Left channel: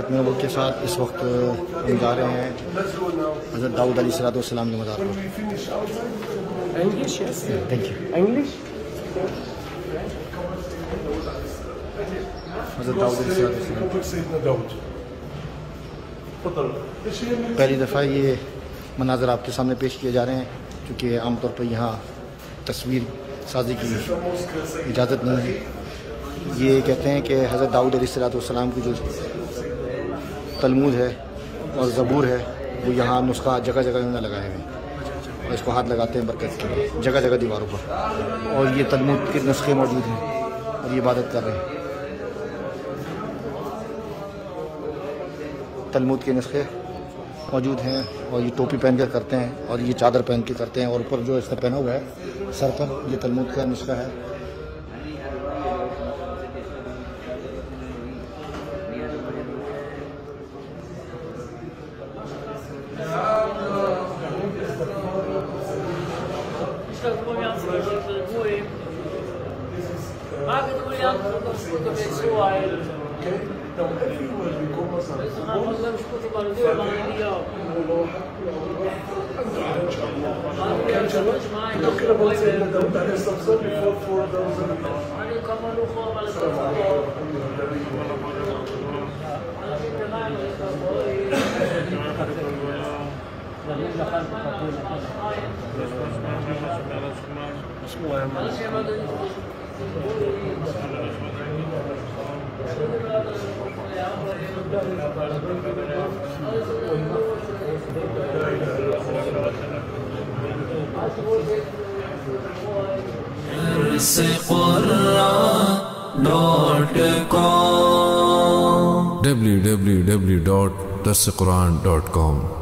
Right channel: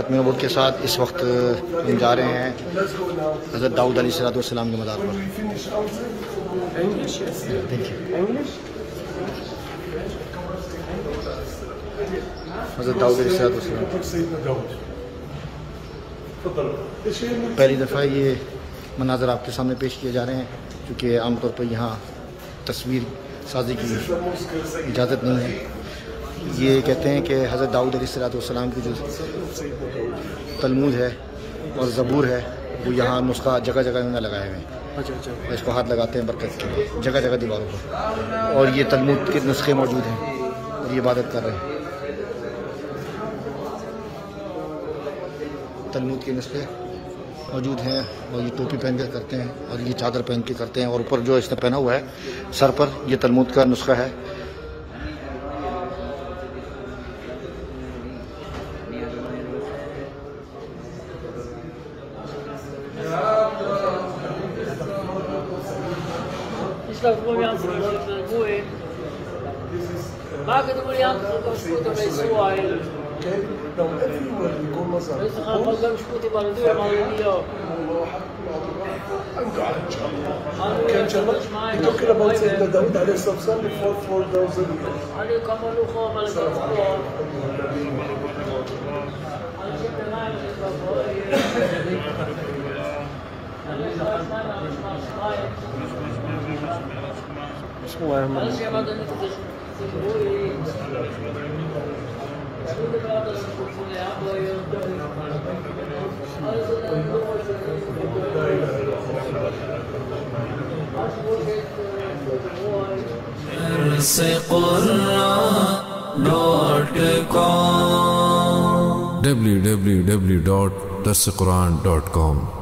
खत्म नबूवत के साथ इस वक्त हम जा रहे हैं हज़रत दाऊद अलैहिस्सलाम के मज़ार पर। हज़रत दाऊद अलैहिस्सलाम पहली दफ़ा ये मनाज़र आपके सामने पेश किए जा रहे हैं, क्योंकि आमतौर पर यहाँ तस्वीर साजी की इजाज़त नहीं है। ये कहते हैं कि हज़रत दाऊद अलैहिस्सलाम की जो तलमूद है और ज़बूर है वो यहाँ नुस्खा जगह जगह उन्होंने लगाए हुए हैं और इसको हाथ लगाते हैं बरकत के लिए जगह जगह दीवारों पर, और ये तलमूद के नुस्खे मौजूद हैं और ये इबादत कर रहे हैं। तलमूद के नुस्खे मौजूद हैं और ये टोपी पहन कर करते हैं और ये चादर पहन के करते हैं, और ऊपर जो इसने पहना हुआ है सर पर ये तलमूद का नुस्खा है। www.darsequran.com